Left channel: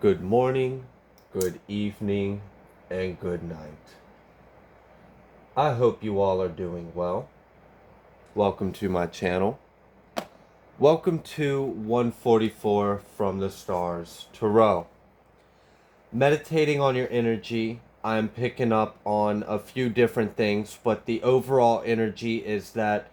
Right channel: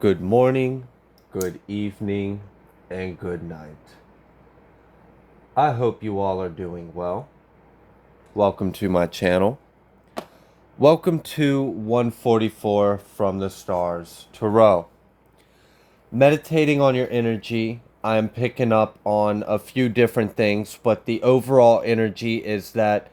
Good morning, good evening, and good night. I hope you all are doing well. Welcome to my channel. Welcome to 144 from the Stars Tarot. Meditating on your energy, I'm picking up on a few different things, but the overall energy is that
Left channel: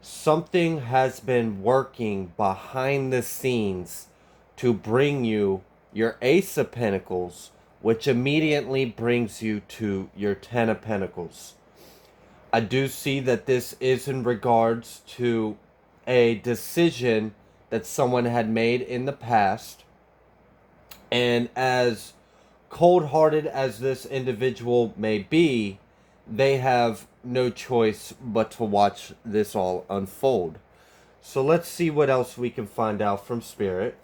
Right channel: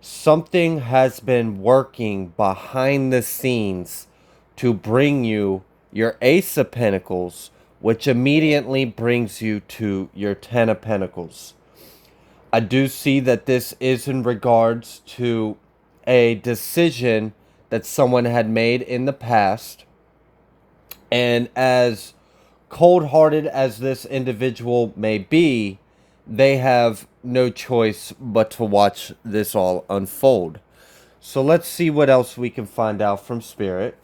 something has been working behind the scenes to bring you your Ace of Pentacles, which immediately brings you to your Ten of Pentacles. I do see that this is in regards to a decision that someone had made in the past. And as cold hearted as this individual may be, they have no choice but to watch this all unfold. So let's see what else we can find out from Spirit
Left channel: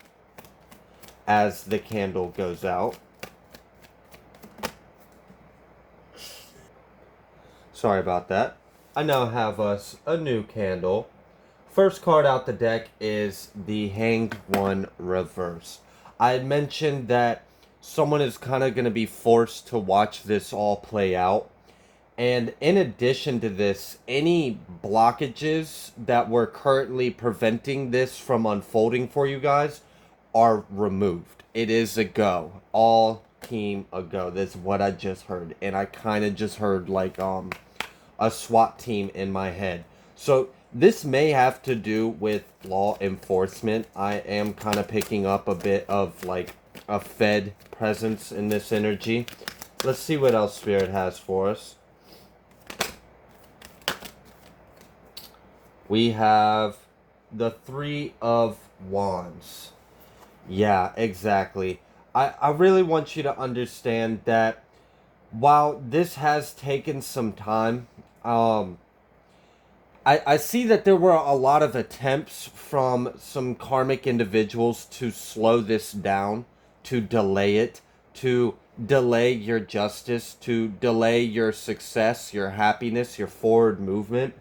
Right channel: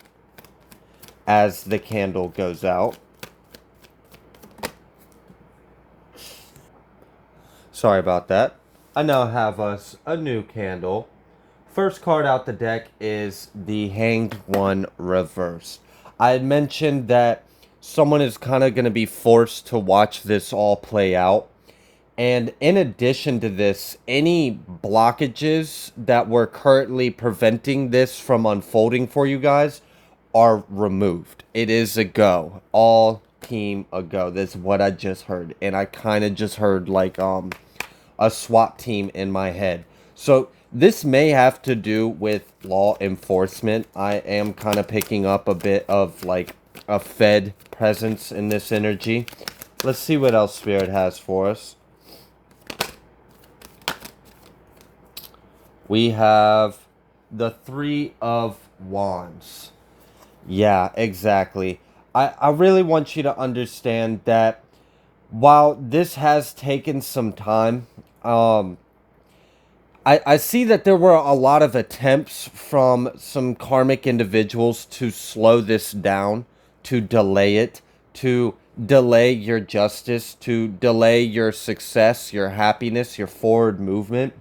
as the candle goes out. Sorry about that. I now have us a new candle. First card out the deck is the Hanged One reverse. I had mentioned that someone is kind of going to be forced to watch this all play out. And in addition to this, any blockages that were currently preventing this from unfolding for you guys are removed. It is a go. All team a go. That's what I just heard. And I kind of just heard like a SWAT team in my head. So this may have to do with law enforcement. I am kind of picking up a bit of like a Fed presence in this energy. Let's see what else Spirit has for us. We have the Three of Wands. Yeah, exactly. I really want you to understand that while this has taken some time, I see that there were a lot of attempts from some karmic individuals to slow this down, to delay it, to delay your justice, to delay your success, your happiness, your forward movement.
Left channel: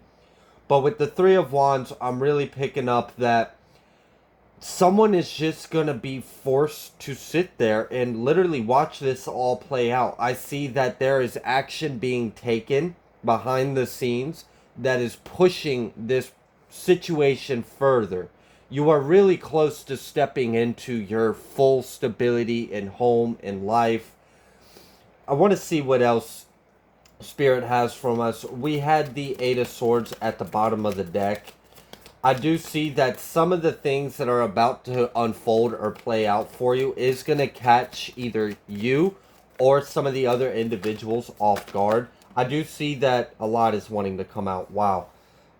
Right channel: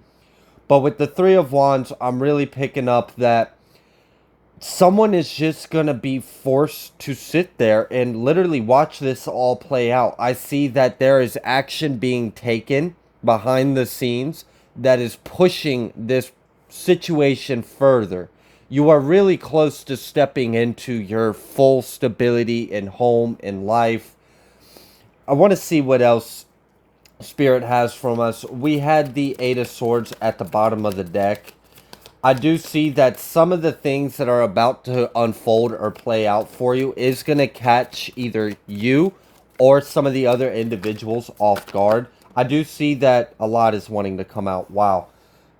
But with the Three of Wands, I'm really picking up that someone is just going to be forced to sit there and literally watch this all play out. I see that there is action being taken behind the scenes that is pushing this situation further. You are really close to stepping into your full stability in home and life. I want to see what else Spirit has from us. We had the Eight of Swords at the bottom of the deck. I do see that some of the things that are about to unfold or play out for you is going to catch either you or some of the other individuals off guard. I do see that a lot is wanting to come out. Wow.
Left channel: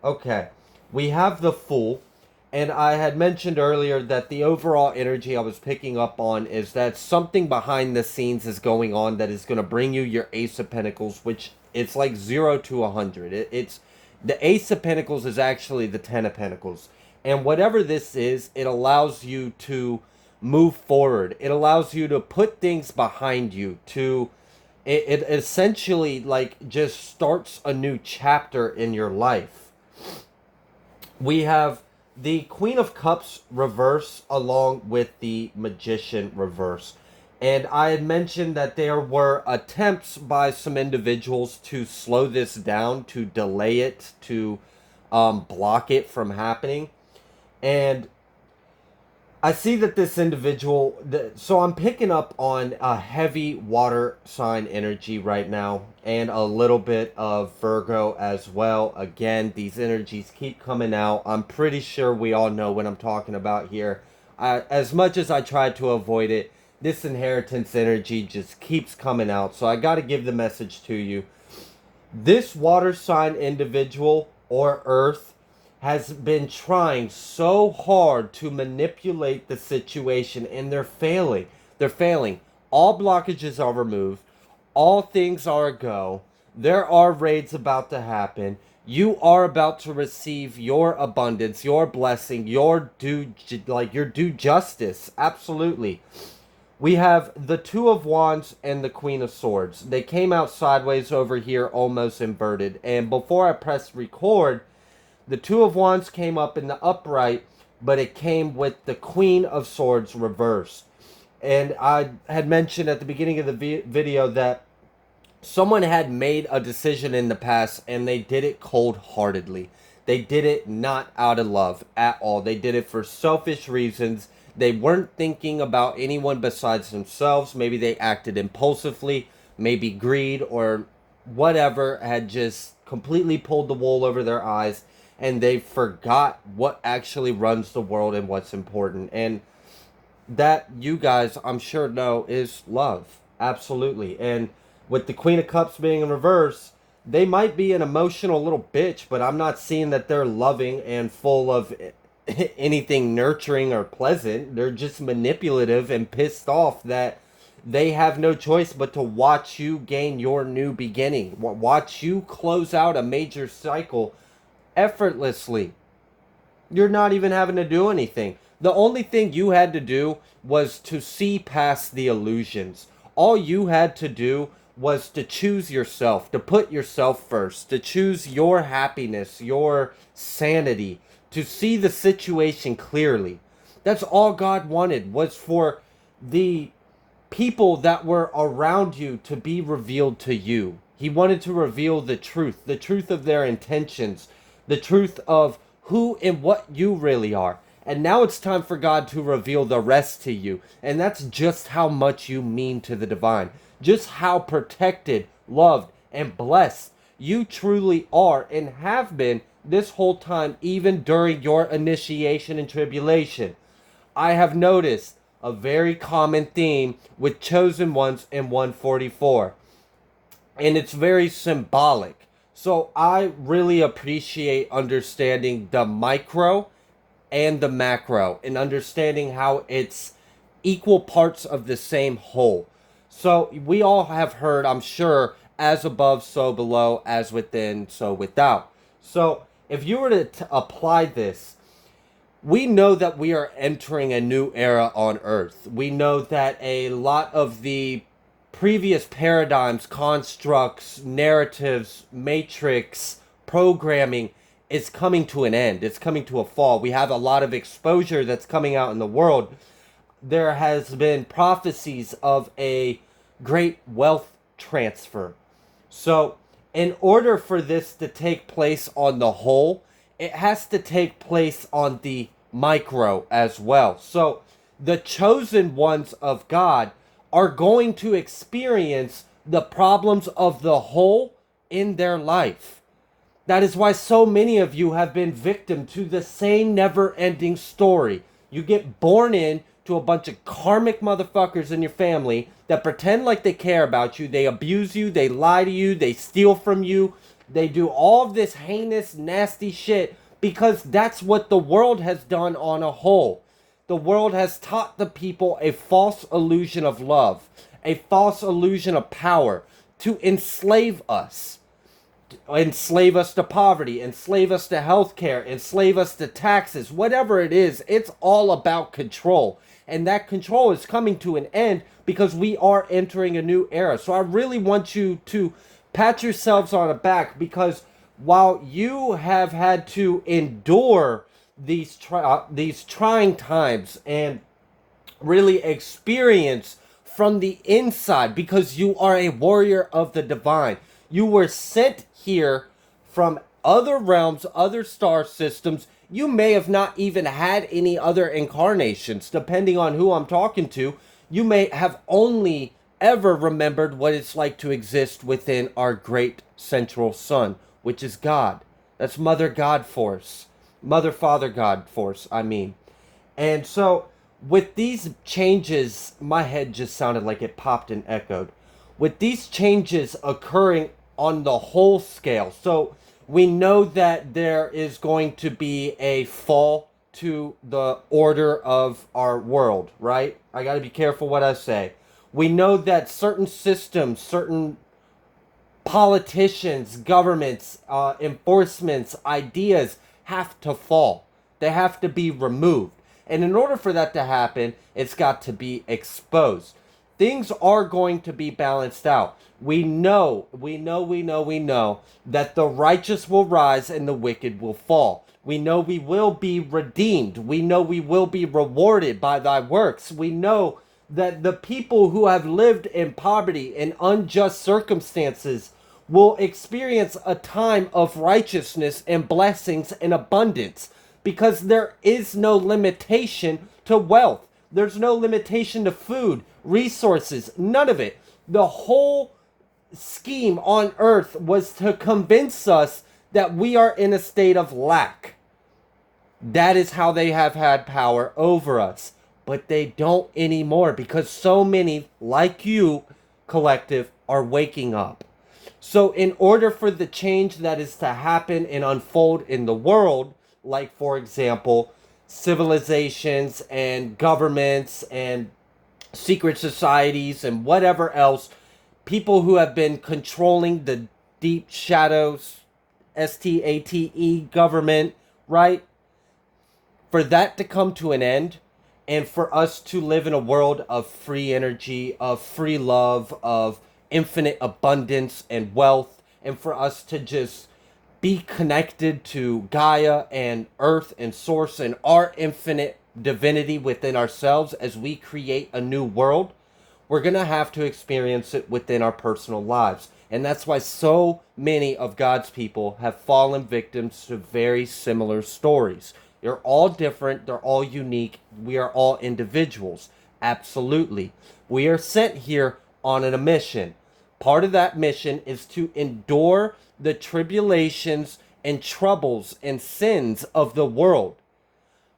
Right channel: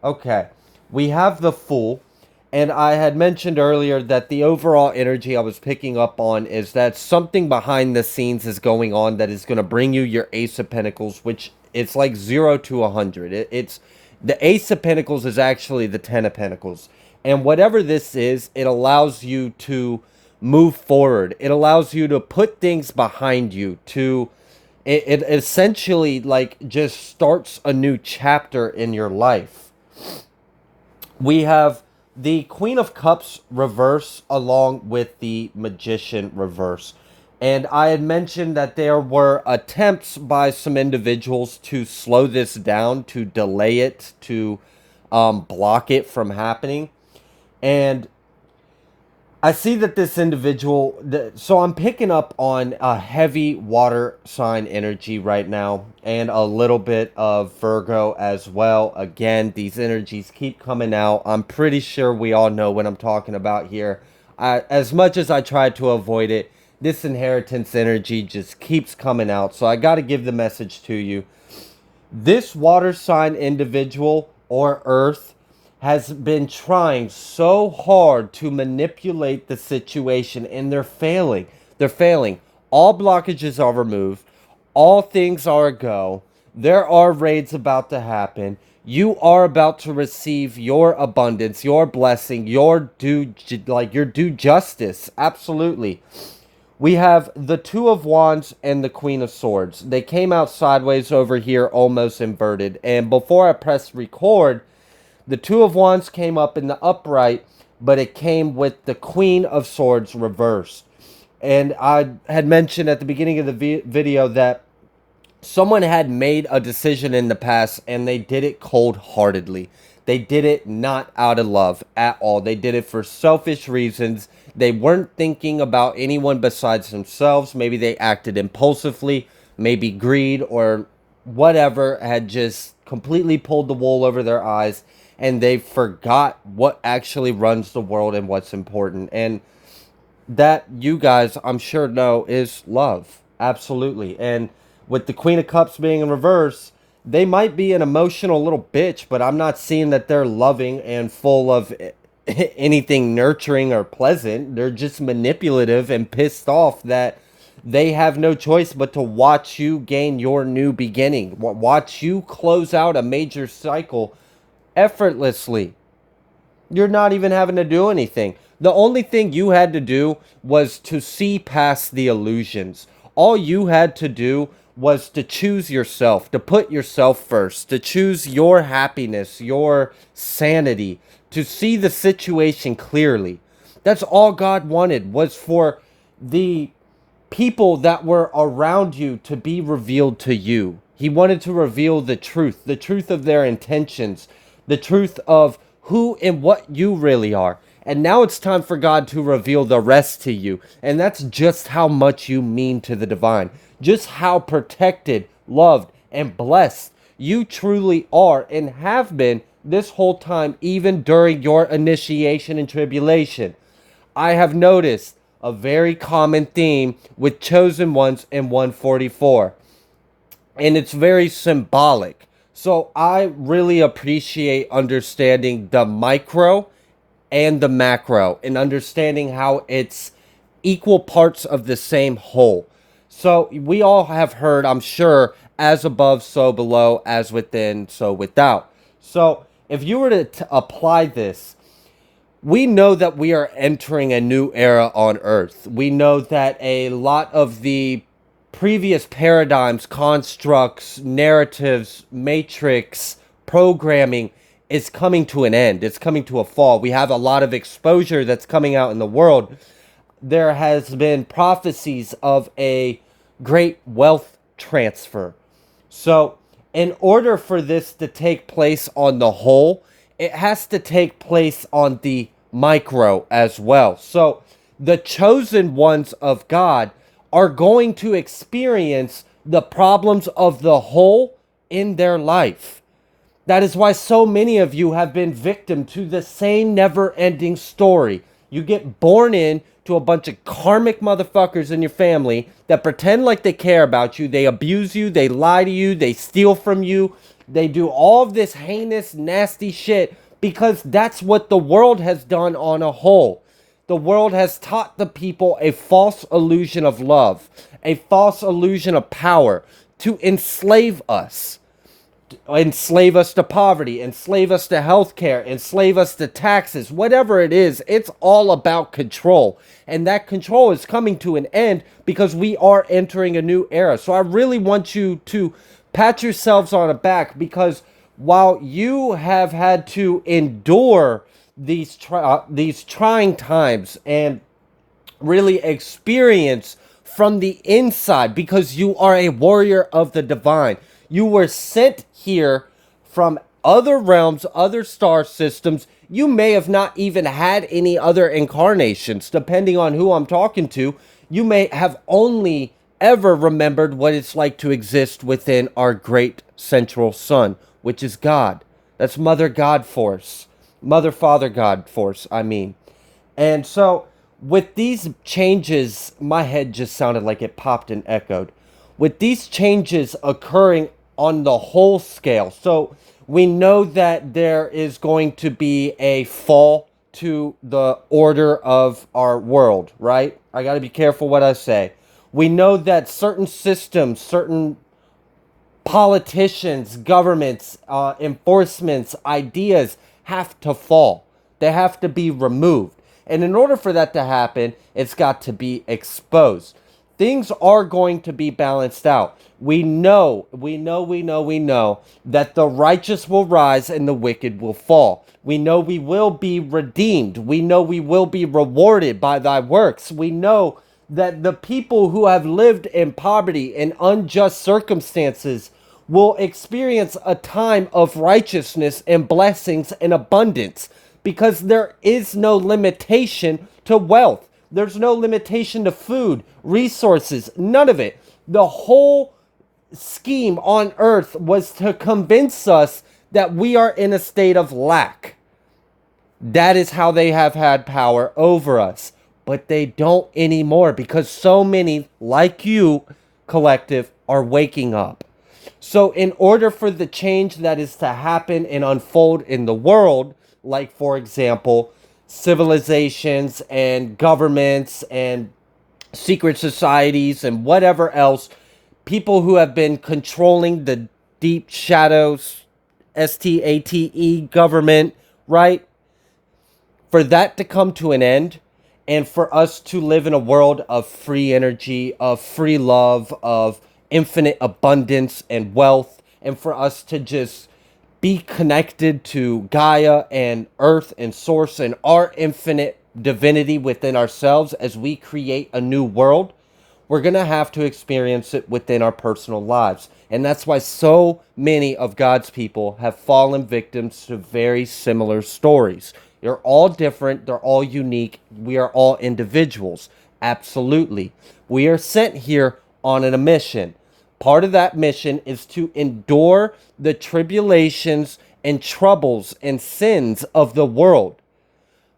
Okay. We have the Fool. And I had mentioned earlier that the overall energy I was picking up on is that something behind the scenes is going on that is going to bring you your Ace of Pentacles, which it's like 0 to 100. It's the Ace of Pentacles is actually the Ten of Pentacles. And whatever this is, it allows you to move forward. It allows you to put things behind you, to it essentially like just starts a new chapter in your life. We have the Queen of Cups reverse along with the Magician reverse. And I had mentioned that there were attempts by some individuals to slow this down, to delay it, to block it from happening. And I see that this individual, so I'm picking up on a heavy water sign energy right now and a little bit of Virgo as well. Again, these energies keep coming out. I'm pretty sure we all know what I'm talking about here. As much as I try to avoid it, this inheritance energy just keeps coming out. So I got to give the message to you. This water sign individual or Earth has been trying so hard to manipulate the situation and they're failing. They're failing. All blockages are removed. All things are a go. There are raids about to happen. You are about to receive your abundance, your blessing, your due justice. Absolutely. We have the Two of Wands and the Queen of Swords. They came out sideways over here, almost inverted. And before I press record, the Two of Wands came up in the upright, but it came with the Queen of Swords reversed. And I had mentioned at the beginning of the video that someone had made a decision in the past and they did it cold-heartedly. They did it not out of love at all. They did it for selfish reasons. They weren't thinking about anyone besides themselves. Maybe they acted impulsively, maybe greed or whatever had just completely pulled the wool over their eyes, and they forgot what actually runs the world and what's important. And that, you guys, I'm sure know, is love. Absolutely. And with the Queen of Cups being in reverse, they might be an emotional little bitch, but I'm not seeing that they're loving and full of anything nurturing or pleasant. They're just manipulative and pissed off that they have no choice but to watch you gain your new beginning, watch you close out a major cycle effortlessly. You're not even having to do anything. The only thing you had to do was to see past the illusions. All you had to do was to choose yourself, to put yourself first, to choose your happiness, your sanity, to see the situation clearly. That's all God wanted, was for the people that were around you to be revealed to you. He wanted to reveal the truth of their intentions, the truth of who and what you really are. And now it's time for God to reveal the rest to you. And that's just how much you mean to the divine, just how protected, loved, and blessed you truly are and have been this whole time, even during your initiation and tribulation. I have noticed a very common theme with chosen ones in 144, and it's very symbolic. So I really appreciate understanding the micro and the macro and understanding how it's equal parts of the same whole. So we all have heard, I'm sure, as above, so below, as within, so without. So if you were to apply this, we know that we are entering a new era on Earth. We know that a lot of the previous paradigms, constructs, narratives, matrix, programming is coming to an end. It's coming to a fall. We have a lot of exposure that's coming out in the world. There has been prophecies of a great wealth transfer. So, in order for this to take place on the whole, it has to take place on the micro as well. So, the chosen ones of God are going to experience the problems of the whole in their life. That is why so many of you have been victim to the same never-ending story. You get born in to a bunch of karmic motherfuckers in your family that pretend like they care about you. They abuse you, they lie to you, they steal from you. They do all of this heinous, nasty shit because that's what the world has done on a whole. The world has taught the people a false illusion of love, a false illusion of power to enslave us to poverty, enslave us to healthcare, enslave us to taxes, whatever it is. It's all about control. And that control is coming to an end because we are entering a new era. So I really want you to pat yourselves on the back, because while you have had to endure these trying times and really experience from the inside, because you are a warrior of the divine. You were sent here from other realms, other star systems. You may have not even had any other incarnations, depending on who I'm talking to. You may have only ever remembered what it's like to exist within our great central sun, which is God. That's Mother God Force. Mother Father God Force, I mean. And so, with these changes, my head just sounded like it popped and echoed. With these changes occurring on the whole scale, so we know that there is going to be a fall to the order of our world, right? I got to be careful what I say. We know that certain systems, certain politicians, governments, enforcements, ideas have to fall. They have to be removed. And in order for that to happen, it's got to be exposed. Things are going to be balanced out. We know that the righteous will rise and the wicked will fall. We know we will be redeemed. We know we will be rewarded by thy works. We know that the people who have lived in poverty and unjust circumstances will experience a time of righteousness and blessings and abundance, because there is no limitation to wealth. There's no limitation to food, resources, none of it. The whole scheme on earth was to convince us that we are in a state of lack. That is how they have had power over us. But they don't anymore, because so many, like you, collective, are waking up. So, in order for the change that is to happen and unfold in the world, like, for example, civilizations and governments and secret societies and whatever else, people who have been controlling the deep shadows, STATE government, right? For that to come to an end, and for us to live in a world of free energy, of free love, of infinite abundance and wealth, and for us to just be connected to Gaia and Earth and Source and our infinite divinity within ourselves as we create a new world, we're going to have to experience it within our personal lives. And that's why so many of God's people have fallen victims to very similar stories. They're all different. They're all unique. We are all individuals. Absolutely. We are sent here on a mission. Part of that mission is to endure the tribulations and troubles and sins of the world.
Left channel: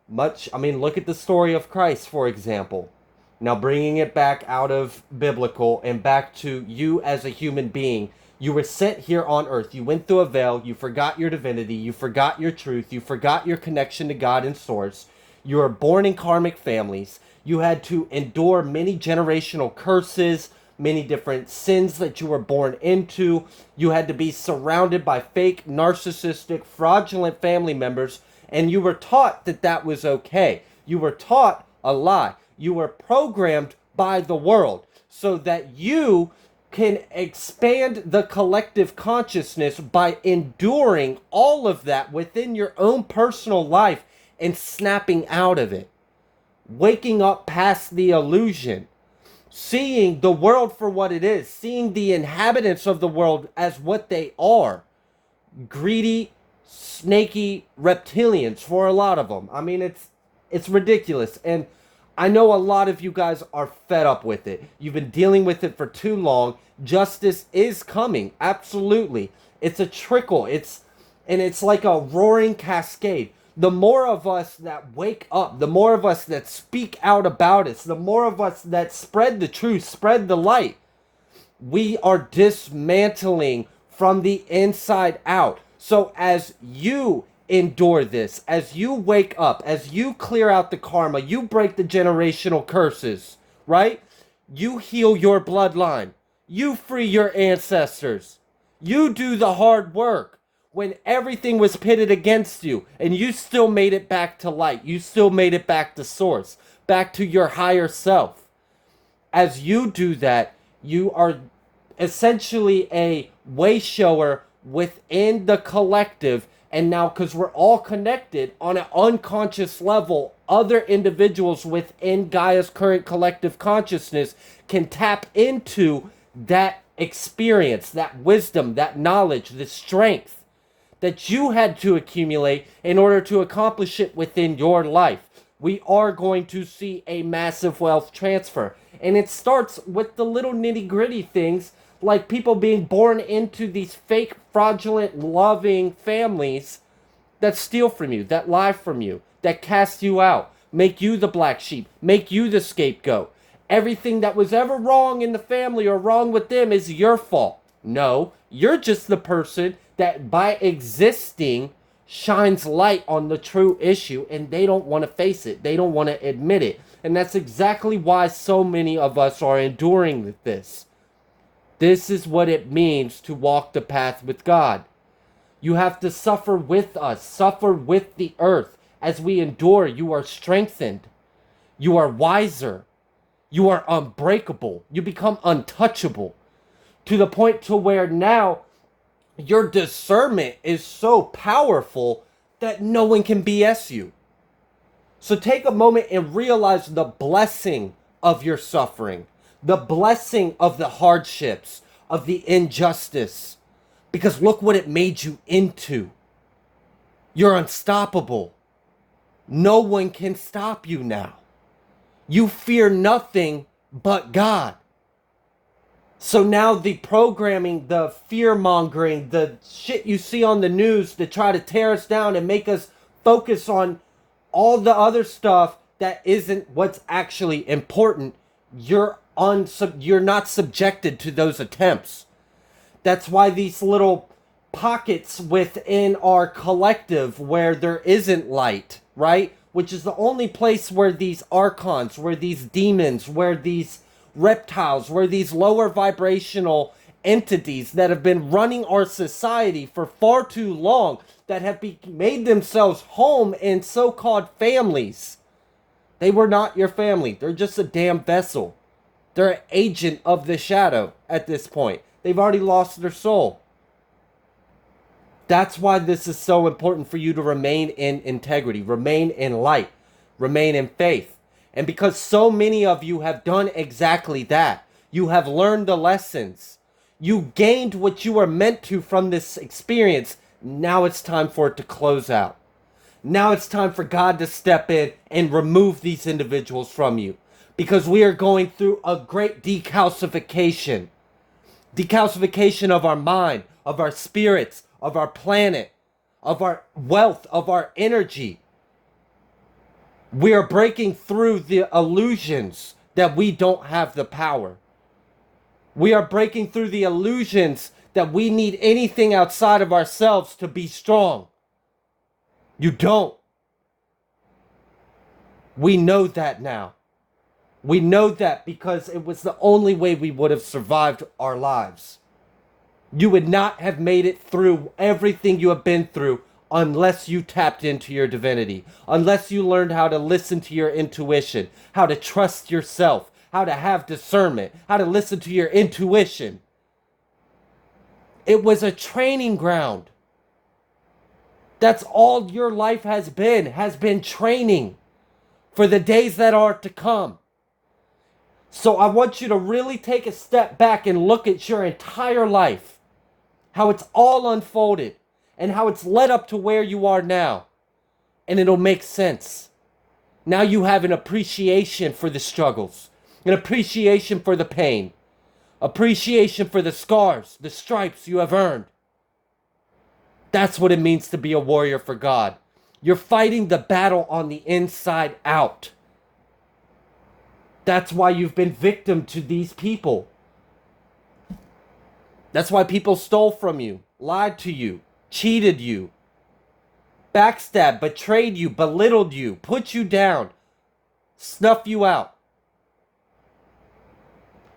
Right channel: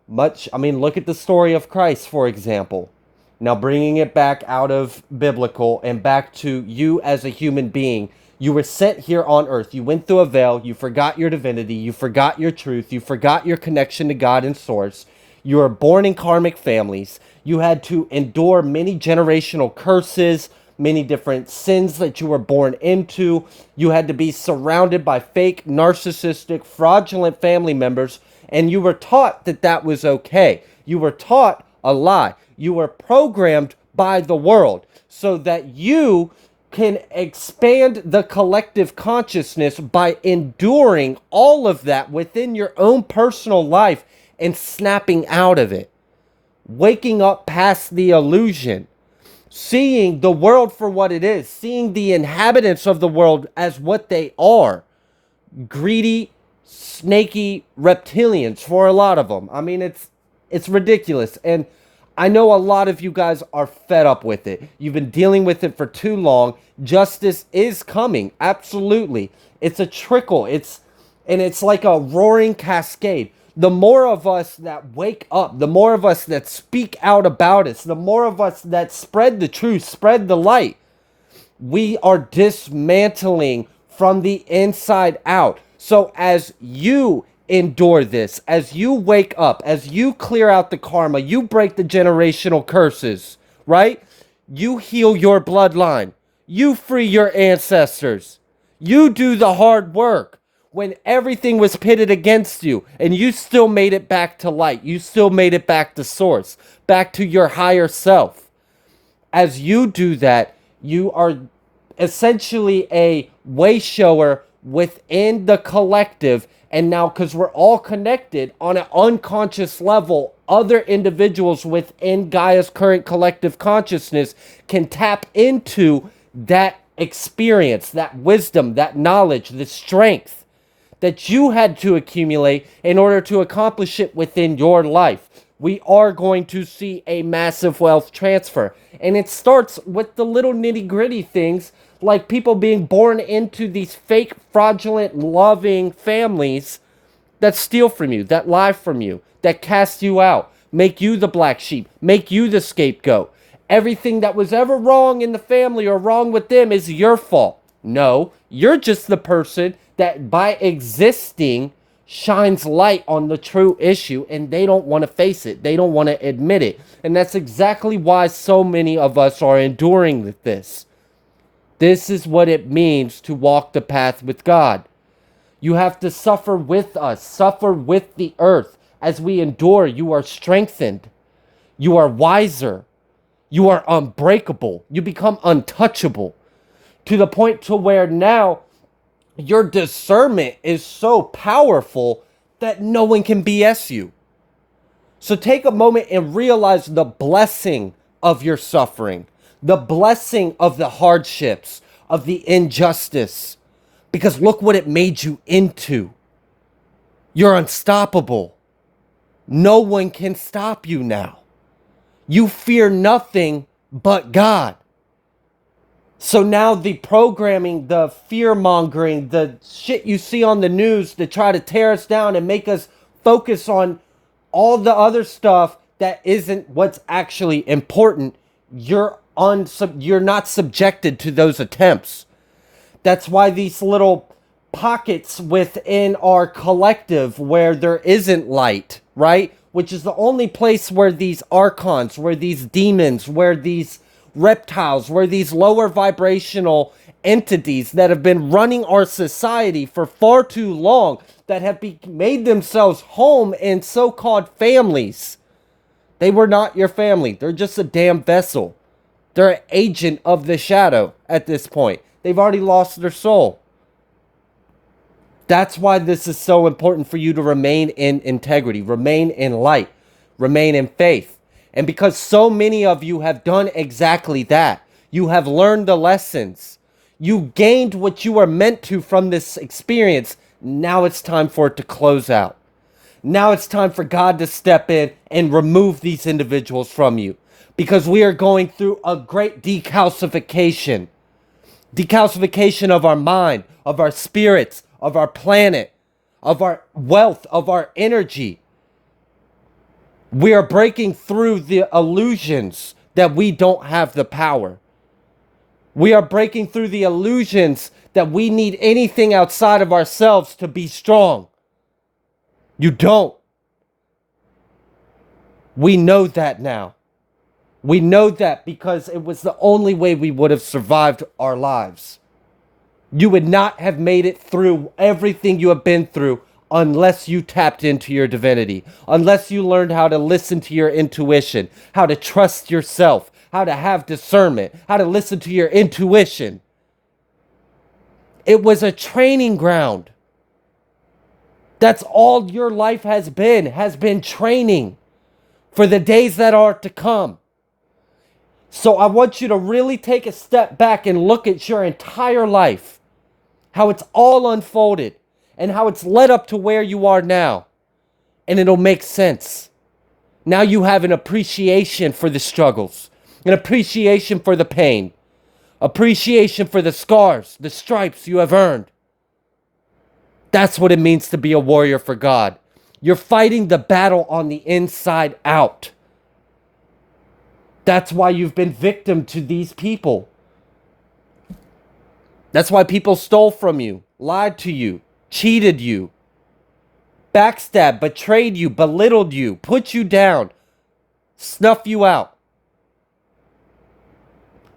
Look at the story of Christ, for example. Now, bringing it back out of biblical and back to you as a human being, you were sent here on earth. You went through a veil. You forgot your divinity. You forgot your truth. You forgot your connection to God and Source. You were born in karmic families. You had to endure many generational curses, many different sins that you were born into. You had to be surrounded by fake, narcissistic, fraudulent family members. And you were taught that that was okay. You were taught a lie. You were programmed by the world so that you can expand the collective consciousness by enduring all of that within your own personal life and snapping out of it. Waking up past the illusion. Seeing the world for what it is. Seeing the inhabitants of the world as what they are. Greedy, snaky reptilians for a lot of them. It's ridiculous. And I know a lot of you guys are fed up with it. You've been dealing with it for too long. Justice is coming. Absolutely. It's a trickle. It's like a roaring cascade. The more of us that wake up, the more of us that speak out about it, the more of us that spread the truth, spread the light, we are dismantling from the inside out. So as you endure this, as you wake up, as you clear out the karma, you break the generational curses, right? You heal your bloodline. You free your ancestors. You do the hard work when everything was pitted against you, and you still made it back to light. You still made it back to Source, back to your higher self. As you do that, you are essentially a way shower within the collective. And now, because we're all connected on an unconscious level, other individuals within Gaia's current collective consciousness can tap into that experience, that wisdom, that knowledge, the strength that you had to accumulate in order to accomplish it within your life. We are going to see a massive wealth transfer. And it starts with the little nitty-gritty things, like people being born into these fake, fraudulent, loving families that steal from you, that lie from you, that cast you out, make you the black sheep, make you the scapegoat. Everything that was ever wrong in the family or wrong with them is your fault. No, you're just the person that by existing shines light on the true issue, and they don't want to face it. They don't want to admit it. And that's exactly why so many of us are enduring this. This is what it means to walk the path with God. You have to suffer with us, suffer with the earth. As we endure, you are strengthened. You are wiser. You are unbreakable. You become untouchable. To the point to where now your discernment is so powerful that no one can BS you. So take a moment and realize the blessing of your suffering, the blessing of the hardships, of the injustice. Because look what it made you into. You're unstoppable. No one can stop you now. You fear nothing but God. So now the programming, the fear mongering, the shit you see on the news to try to tear us down and make us focus on all the other stuff that isn't what's actually important, you're not subjected to those attempts. That's why these little pockets within our collective where there isn't light, right? Which is the only place where these archons, where these demons, where these reptiles, where these lower vibrational entities that have been running our society for far too long, that have made themselves home in so-called families. They were not your family. They're just a damn vessel. They're an agent of the shadow at this point. They've already lost their soul. That's why this is so important for you to remain in integrity, remain in light, remain in faith. And because so many of you have done exactly that, you have learned the lessons, you gained what you are meant to from this experience. Now it's time for it to close out. Now it's time for God to step in and remove these individuals from you. Because we are going through a great decalcification. Decalcification of our mind, of our spirits, of our planet, of our wealth, of our energy. We are breaking through the illusions that we don't have the power. We are breaking through the illusions that we need anything outside of ourselves to be strong. You don't. We know that now. We know that because it was the only way we would have survived our lives. You would not have made it through everything you have been through unless you tapped into your divinity, unless you learned how to listen to your intuition, how to trust yourself, how to have discernment, how to listen to your intuition. It was a training ground. That's all your life has been training for the days that are to come. So I want you to really take a step back and look at your entire life, how it's all unfolded and how it's led up to where you are now. And it'll make sense. Now you have an appreciation for the struggles, an appreciation for the pain, appreciation for the scars, the stripes you have earned. That's what it means to be a warrior for God. You're fighting the battle on the inside out. That's why you've been victim to these people. That's why people stole from you, lied to you, cheated you, backstabbed, betrayed you, belittled you, put you down, snuff you out.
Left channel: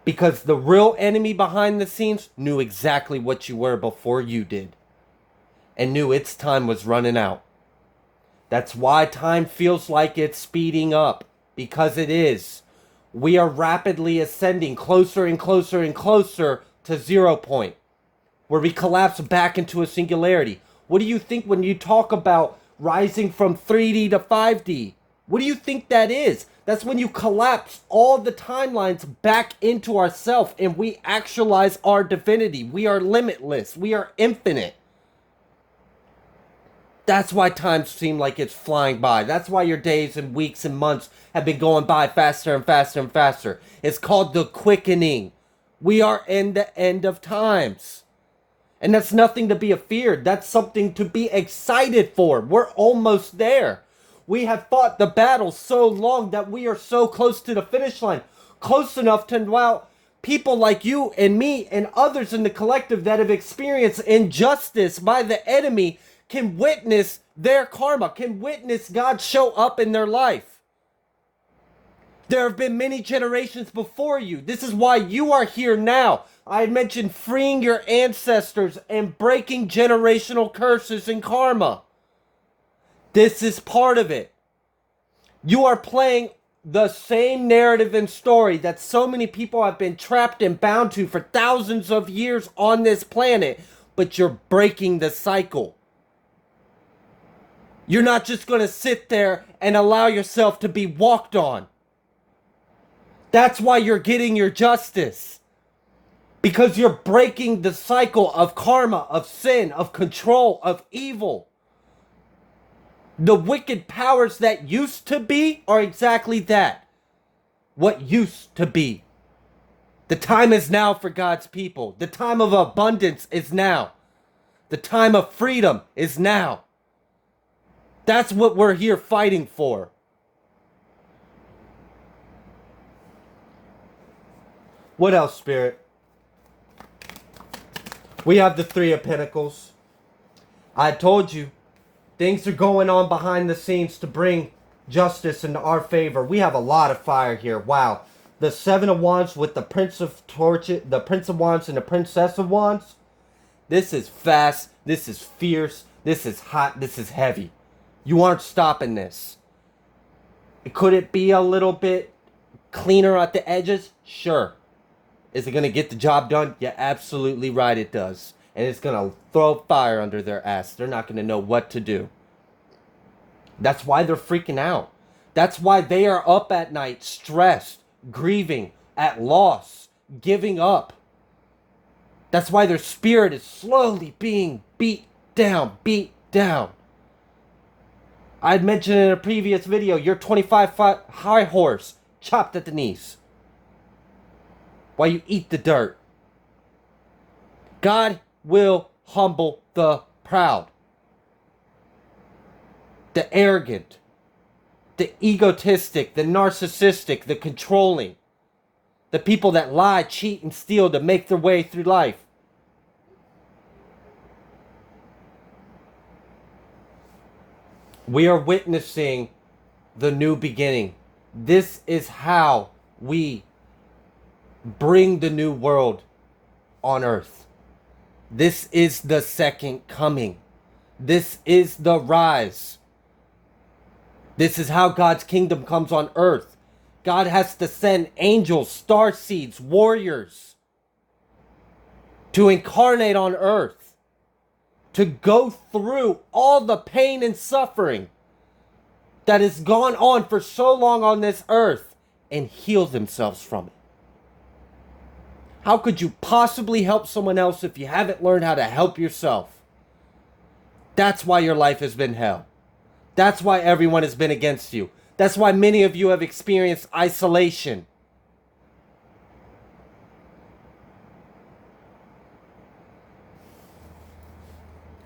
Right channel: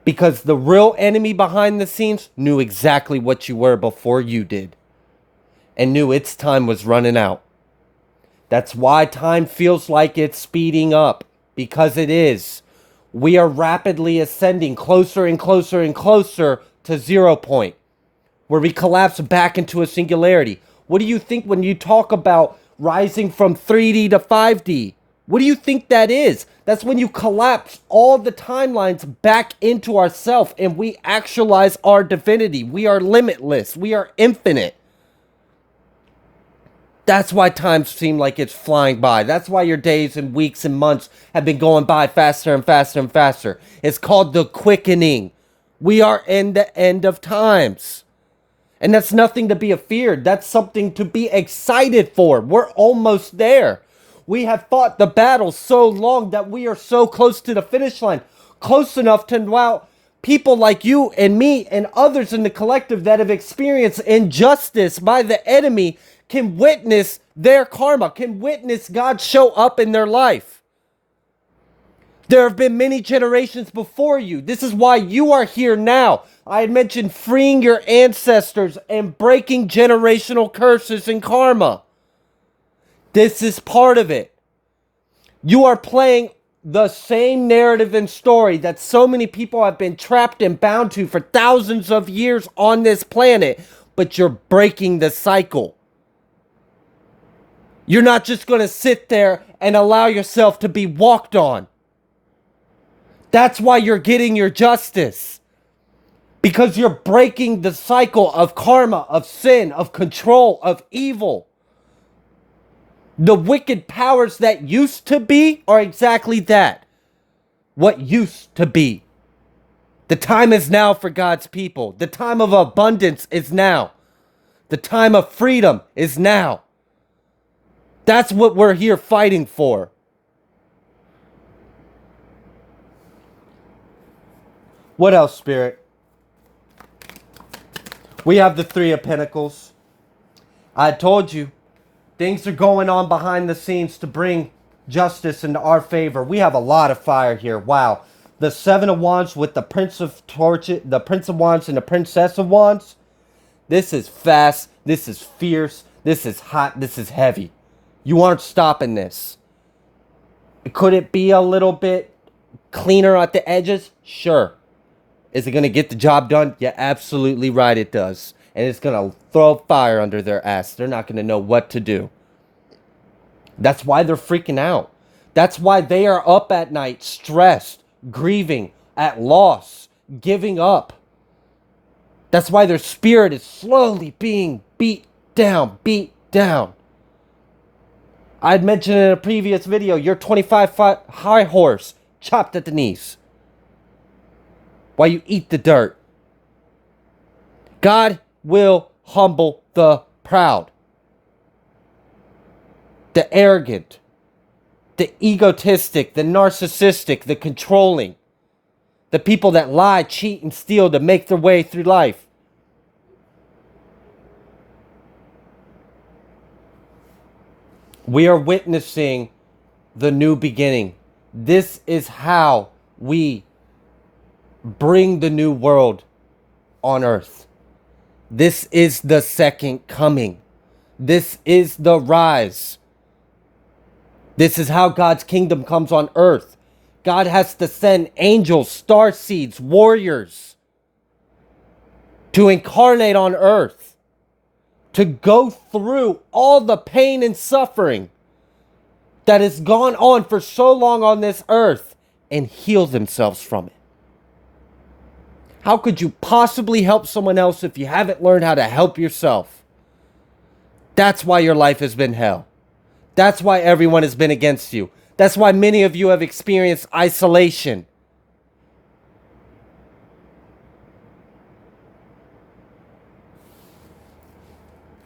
Because the real enemy behind the scenes knew exactly what you were before you did. And knew its time was running out. That's why time feels like it's speeding up. Because it is. We are rapidly ascending closer and closer and closer to 0 point. Where we collapse back into a singularity. What do you think when you talk about rising from 3D to 5D? What do you think that is? That's when you collapse all the timelines back into ourself and we actualize our divinity. We are limitless. We are infinite. That's why time seems like it's flying by. That's why your days and weeks and months have been going by faster and faster and faster. It's called the quickening. We are in the end of times. And that's nothing to be afeared. That's something to be excited for. We're almost there. We have fought the battle so long that we are so close to the finish line. Close enough to allow people like you and me and others in the collective that have experienced injustice by the enemy can witness their karma, can witness God show up in their life. There have been many generations before you. This is why you are here now. I had mentioned freeing your ancestors and breaking generational curses and karma. This is part of it. You are playing the same narrative and story that so many people have been trapped and bound to for thousands of years on this planet, but you're breaking the cycle. You're not just going to sit there and allow yourself to be walked on. That's why you're getting your justice. Because you're breaking the cycle of karma, of sin, of control, of evil. The wicked powers that used to be are exactly that. What used to be. The time is now for God's people. The time of abundance is now. The time of freedom is now. That's what we're here fighting for. What else, Spirit? We have the Three of Pentacles. I told you, things are going on behind the scenes to bring justice into our favor. We have a lot of fire here. Wow. The Seven of Wands with the Prince of Torches, the Prince of Wands and the Princess of Wands. This is fast. This is fierce. This is hot. This is heavy. You aren't stopping this. Could it be a little bit cleaner at the edges? Sure. Is it going to get the job done? You're absolutely right, it does. And it's going to throw fire under their ass. They're not going to know what to do. That's why they're freaking out. That's why they are up at night, stressed, grieving, at loss, giving up. That's why their spirit is slowly being beat down, beat down. I'd mentioned in a previous video, your 25-foot high horse chopped at the knees while you eat the dirt. God will humble the proud, the arrogant, the egotistic, the narcissistic, the controlling, the people that lie, cheat, and steal to make their way through life. We are witnessing the new beginning. This is how we bring the new world on earth. This is the second coming. This is the rise. This is how God's kingdom comes on earth. God has to send angels, star seeds, warriors to incarnate on earth, to go through all the pain and suffering that has gone on for so long on this earth and heal themselves from it. How could you possibly help someone else if you haven't learned how to help yourself? That's why your life has been hell. That's why everyone has been against you. That's why many of you have experienced isolation.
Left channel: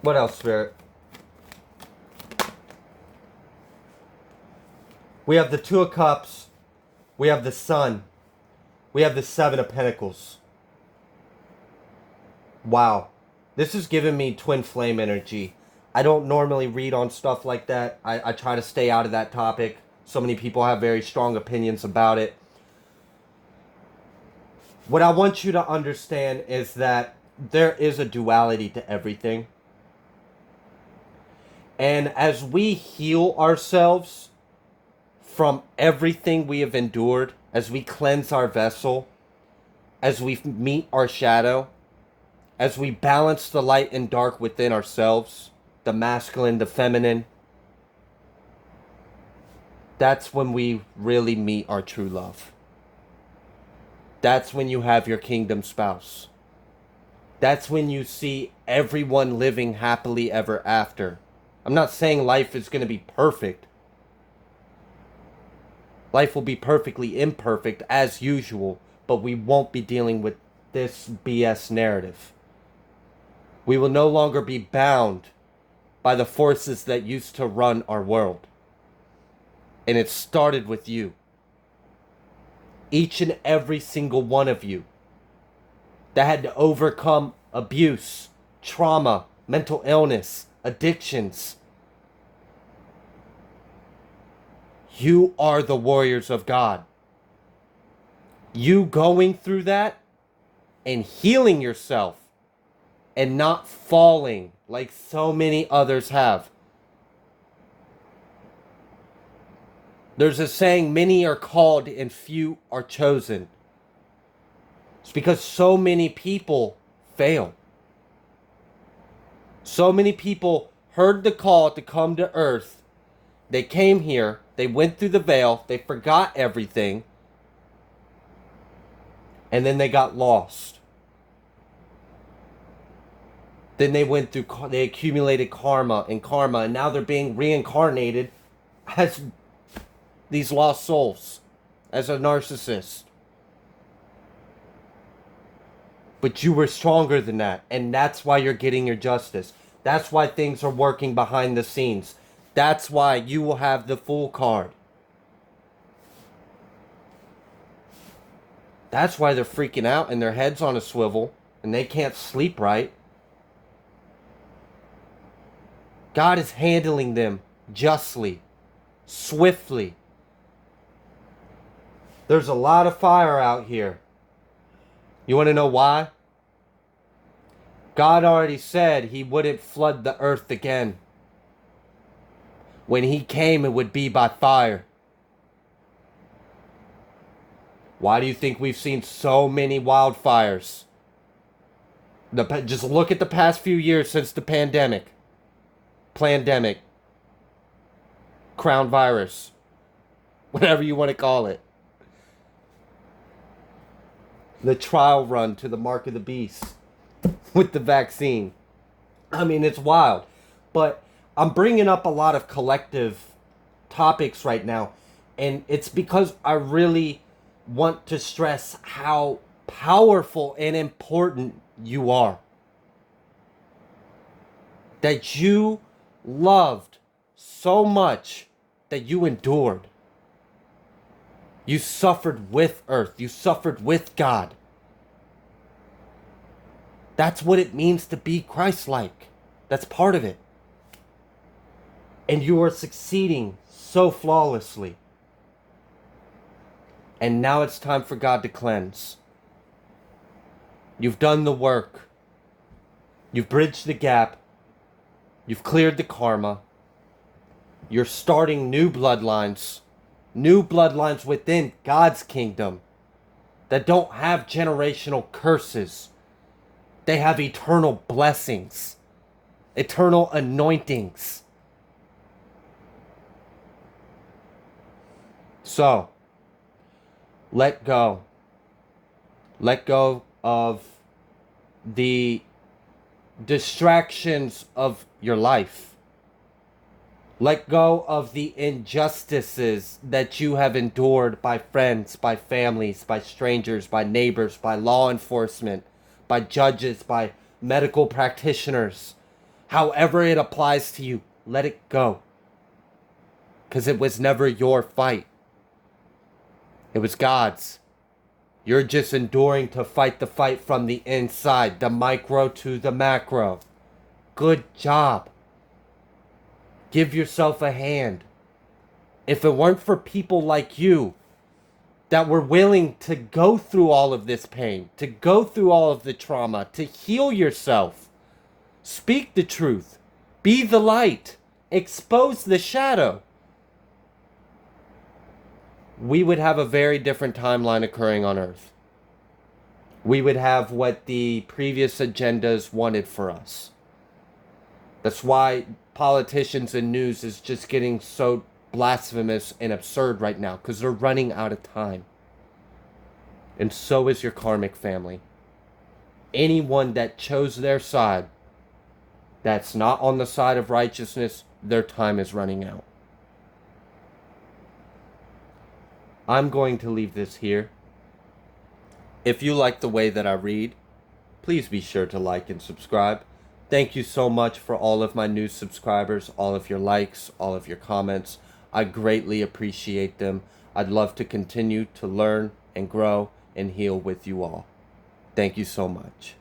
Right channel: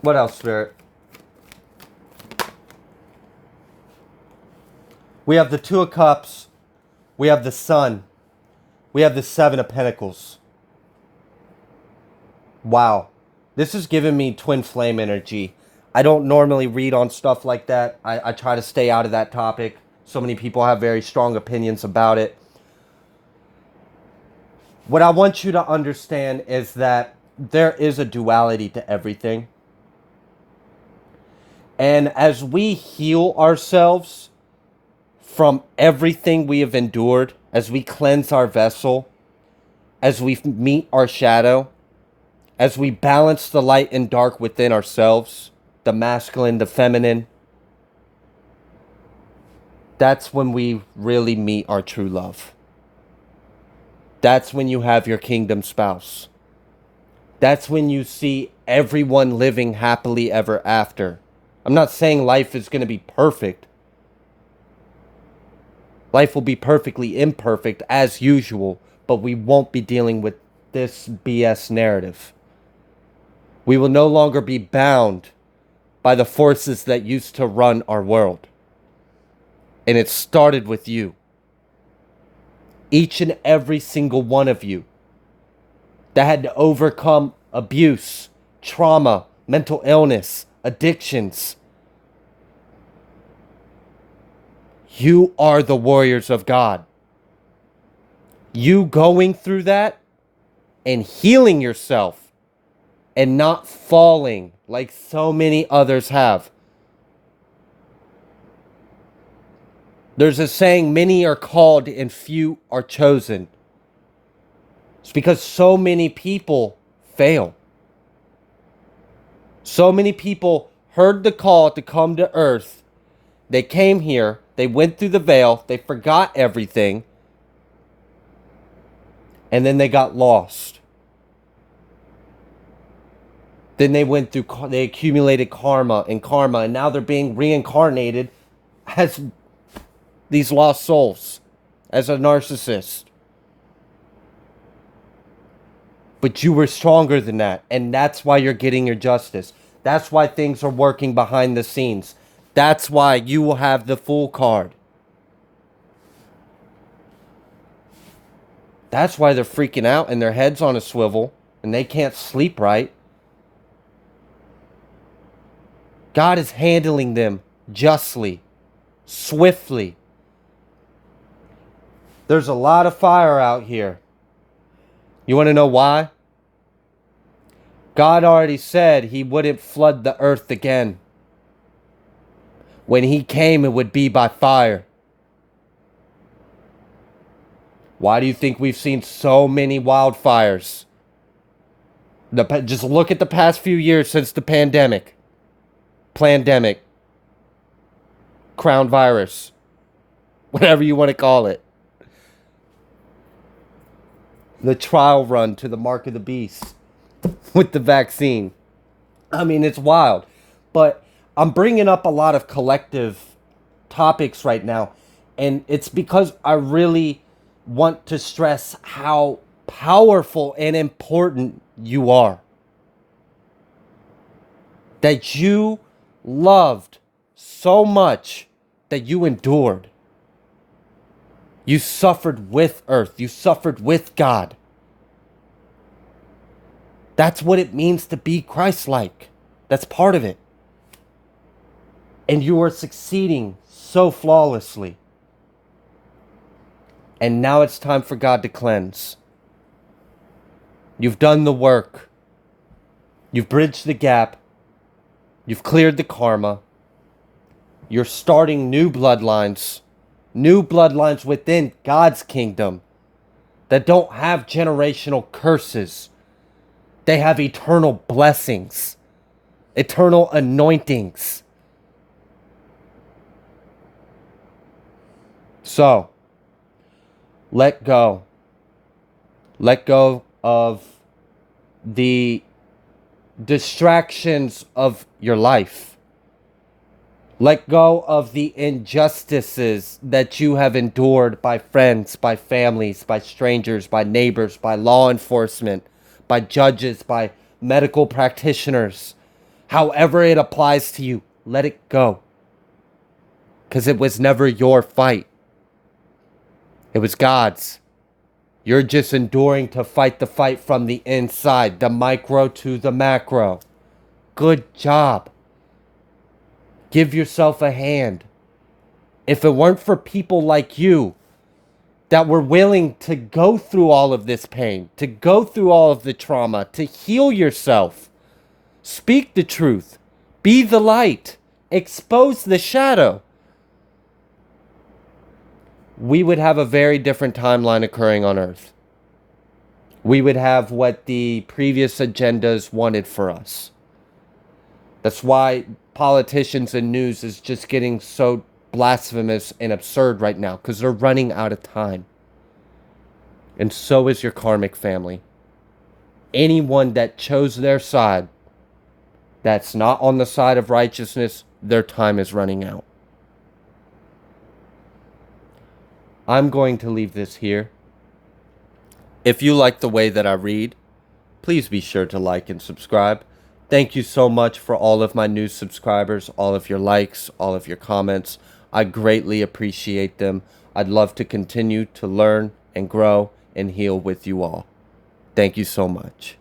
What else, Spirit? We have the Two of Cups. We have the Sun. We have the Seven of Pentacles. Wow. This is giving me twin flame energy. I don't normally read on stuff like that. I try to stay out of that topic. So many people have very strong opinions about it. What I want you to understand is that there is a duality to everything. And as we heal ourselves from everything we have endured, as we cleanse our vessel, as we meet our shadow, as we balance the light and dark within ourselves, the masculine, the feminine, that's when we really meet our true love. That's when you have your kingdom spouse. That's when you see everyone living happily ever after. I'm not saying life is going to be perfect. Life will be perfectly imperfect as usual, but we won't be dealing with this BS narrative. We will no longer be bound by the forces that used to run our world. And it started with you. Each and every single one of you that had to overcome abuse, trauma, mental illness, addictions. You are the warriors of God. You going through that and healing yourself and not falling like so many others have. There's a saying, many are called and few are chosen. It's because so many people fail. So many people heard the call to come to earth. They came here, they went through the veil, they forgot everything. And then they got lost. Then they went through, they accumulated karma, and now they're being reincarnated as these lost souls, as a narcissist. But you were stronger than that, and that's why you're getting your justice. That's why things are working behind the scenes. That's why you will have the Fool card. That's why they're freaking out and their head's on a swivel and they can't sleep right. God is handling them justly, swiftly. There's a lot of fire out here. You want to know why? God already said he wouldn't flood the earth again. When he came, it would be by fire. Why do you think we've seen so many wildfires? Just look at the past few years since the pandemic. Plandemic. Crown virus. Whatever you want to call it. The trial run to the mark of the beast with the vaccine. I mean, it's wild. But I'm bringing up a lot of collective topics right now. And it's because I really want to stress how powerful and important you are. That you loved so much that you endured. You suffered with earth. You suffered with God. That's what it means to be Christ-like. That's part of it. And you are succeeding so flawlessly. And now it's time for God to cleanse. You've done the work. You've bridged the gap. You've cleared the karma. You're starting new bloodlines. New bloodlines within God's kingdom that don't have generational curses. They have eternal blessings, eternal anointings. So, let go. Let go of the distractions of your life. Let go of the injustices that you have endured by friends, by families, by strangers, by neighbors, by law enforcement, by judges, by medical practitioners. However it applies to you, let it go. Because it was never your fight. It was God's. You're just enduring to fight the fight from the inside, the micro to the macro. Good job. Give yourself a hand. If it weren't for people like you that were willing to go through all of this pain, to go through all of the trauma, to heal yourself, speak the truth, be the light, expose the shadow, we would have a very different timeline occurring on Earth. We would have what the previous agendas wanted for us. That's why politicians and news is just getting so blasphemous and absurd right now, because they're running out of time. And so is your karmic family. Anyone that chose their side, that's not on the side of righteousness, their time is running out. I'm going to leave this here. If you like the way that I read, please be sure to like and subscribe. Thank you so much for all of my new subscribers, all of your likes, all of your comments. I greatly appreciate them. I'd love to continue to learn and grow and heal with you all. Thank you so much.